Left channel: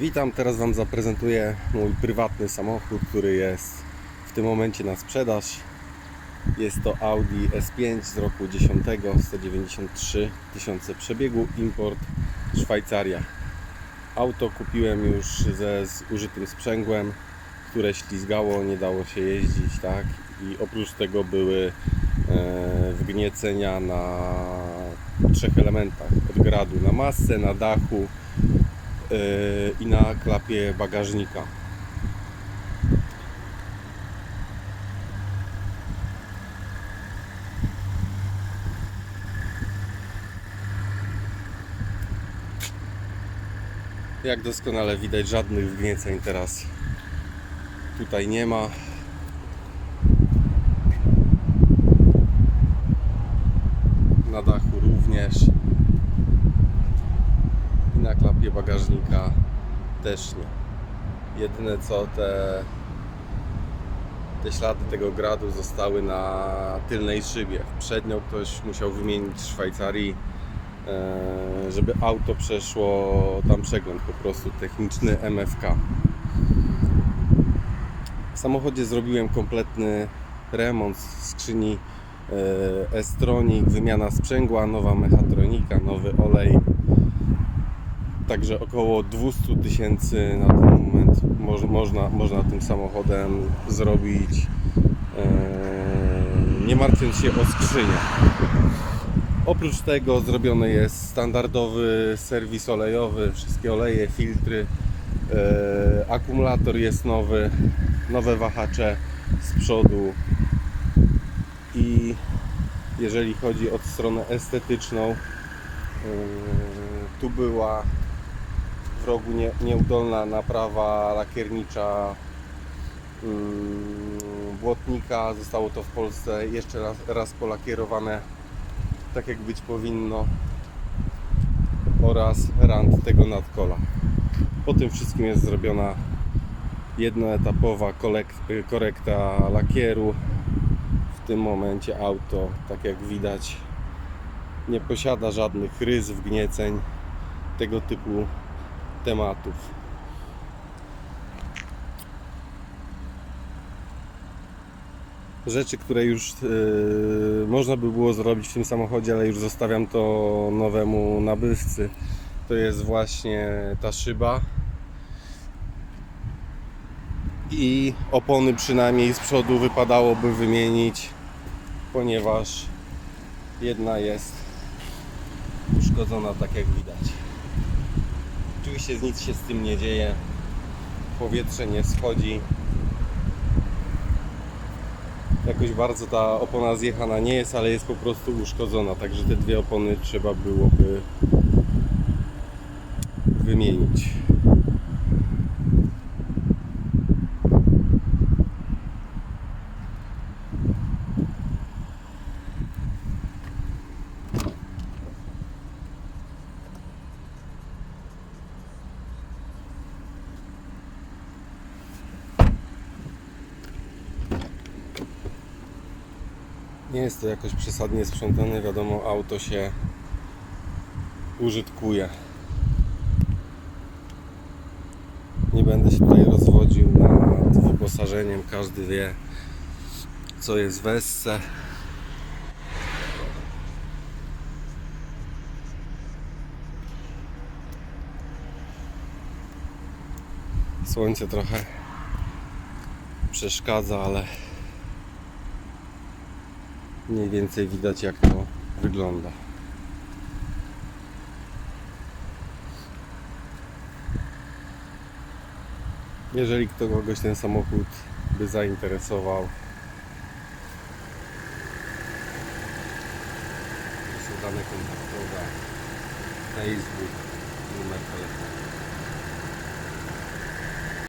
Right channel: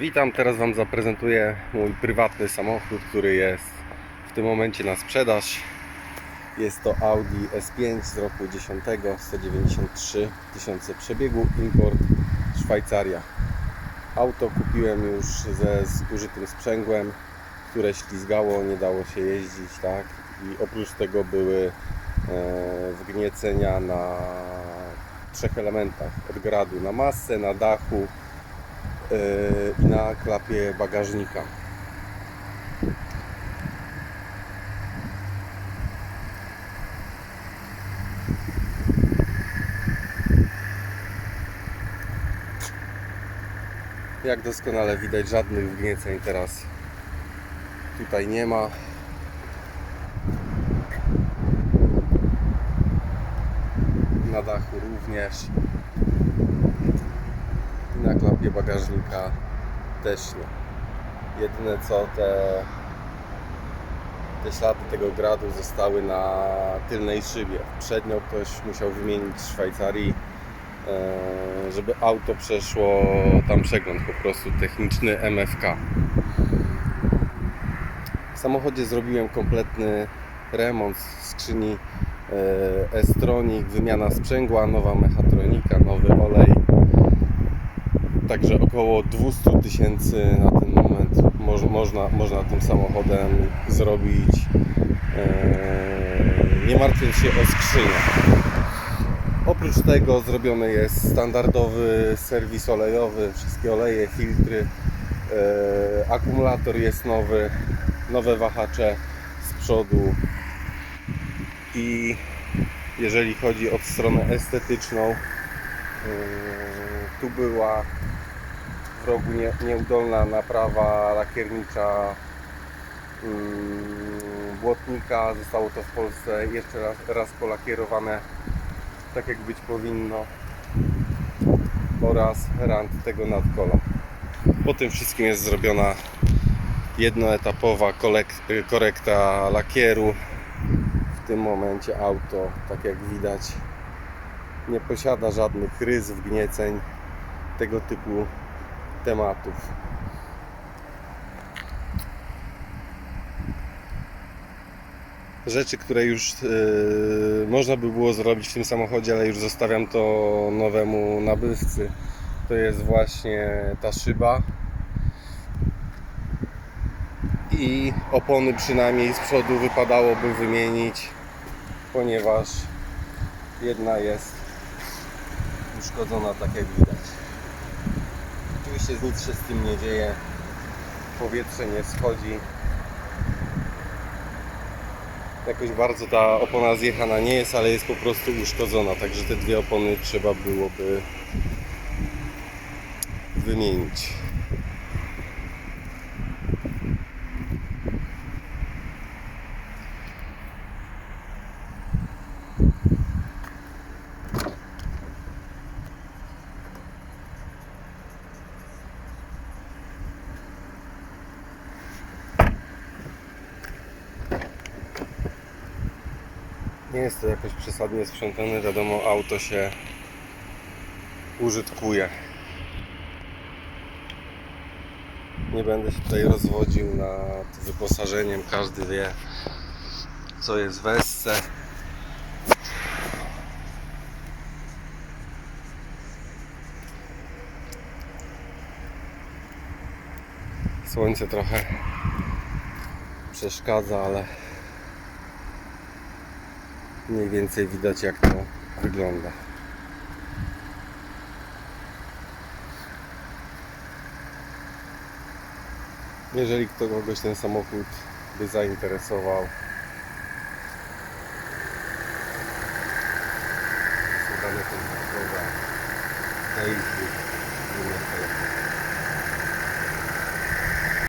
Witam, teraz Wam zaprezentuję mój prywatny samochód, który jest w tym momencie na sprzedaż. Jest to Audi S5 z roku 10, 193 tysiące przebiegu, import Szwajcaria. Auto kupiłem już ze zużytym sprzęgłem, które ślizgało, nie dało się jeździć, tak? I oprócz tego były e, wgniecenia na trzech elementach. Od gradu na masę, na dachu, i na klapie bagażnika. Jak doskonale widać, żadnych wgnieceń teraz tutaj nie ma. Na dachu również na klapie bagażnika też nie. Jedyne co te, te ślady tego gradu zostały na tylnej szybie. Przednią ktoś musiał wymienić w Szwajcarii, e, żeby auto przeszło tam przegląd po prostu techniczny MFK. W samochodzie zrobiłem kompletny remont skrzyni e, S-Tronic, wymiana sprzęgła, nowa mechatronika, nowy olej. Także około 200 tysięcy na ten moment moż, można, można tym samochodem zrobić, e, nie martwiąc się o skrzynię. Oprócz tego zrobiony jest standardowy serwis olejowy, wszystkie oleje, filtry, e, akumulator jest nowy, nowe wahacze z przodu i jeżeli chodzi o stronę estetyczną, e, tu była rogu nie, nieudolna naprawa lakiernicza mm, błotnika. Zostało to w Polsce jeszcze raz, raz polakierowane tak jak być powinno oraz rand tego nadkola. Po tym wszystkim jest zrobiona jednoetapowa korekta lakieru. W tym momencie auto, tak jak widać, nie posiada żadnych rys, wgnieceń, tego typu tematów. Rzeczy, które już yy, można by było zrobić w tym samochodzie, ale już zostawiam to nowemu nabywcy. To jest właśnie ta szyba i opony przynajmniej z przodu wypadałoby wymienić, ponieważ jedna jest uszkodzona tak jak widać. Oczywiście nic się z tym nie dzieje. Powietrze nie schodzi. Jakoś bardzo ta opona zjechana nie jest, ale jest po prostu uszkodzona. Także te dwie opony trzeba byłoby wymienić. Nie jest to jakoś przesadnie sprzątane, wiadomo, auto się użytkuje. Nie będę się tutaj rozwodził nad wyposażeniem, każdy wie co jest w Essce. Słońce trochę przeszkadza, ale mniej więcej widać jak to wygląda. Jeżeli kogoś ten samochód by zainteresował, są dane kontaktowe, Facebook, numer telefonu.